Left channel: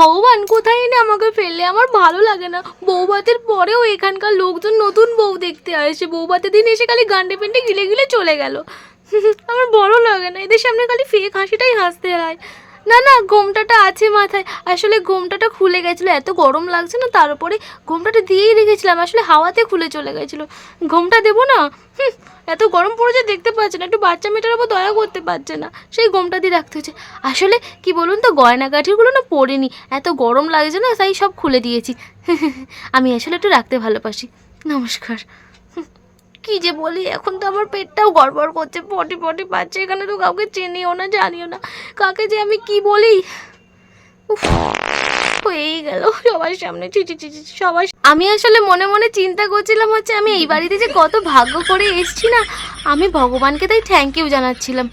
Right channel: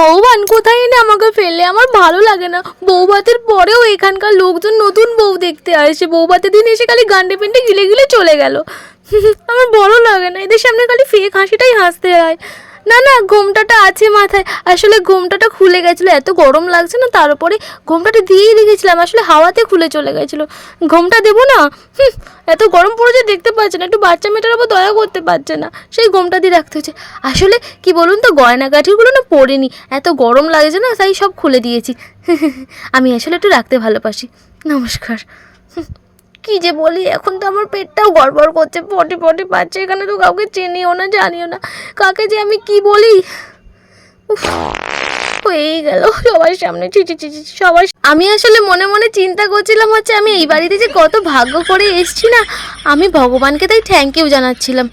ভগবান কোথায় এনে আমাকে ফেললে, আমার ভালো লাগে না। বউভাতের পরেও এখানকার লোকজন নতুন বউ দেখতে আসে, বউভাতের দিন এসে খালি গান্ডে পিন্ডে গিলে গিলে চলে গেল। আমার ভালো লাগে না, এদের সামনে খালি ফেক হাসিটাই হাসতে হয়। না না, ঘোমটাটা আছে মাথায়, আসলে ঘোমটাটা খুলে গেছিলো, এত গরম লাগছে না, তার উপরে ঘোমটাটা দিয়েই রেখেছিলাম, আসলে হাওয়াতে খুলে চলে গেছিলো। ঘোমটা দেবো না? এত গরম পড়েছে দেখতে পাচ্ছে না, একটু বাচ্চা মেয়েটার ওপর দয়া করতে পারছে না, সেই ঘোমটা দিয়ে রাখতে হচ্ছে। আসলে কি বলুন তো, গয়নাগাঠিগুলো না পরিনি, এত গরম লাগছে না, তাই সব খুলে দিয়েছি। আমি আসলে একটু রাখতে ভালোবাসি। নমস্কার। কি যে বলি, এখন তো আমার পেটটাও গড়বড় করছে, পটি পটি পাচ্ছে, এখানে তো কাউকে চিনিও না জানিও না, কাকে যে আমি কি বলি। উফ, হয়েই গেল সবার সামনে, চিচি চিচি সবার। আমি আসলে মনে মনে চিন্তা করছিলাম হচ্ছে আমি এই বাড়িতে যে কত ভাগ্য করে এসছি না, আমি ভগবানকে তাই থ্যাংক ইউ জানাচ্ছিলাম।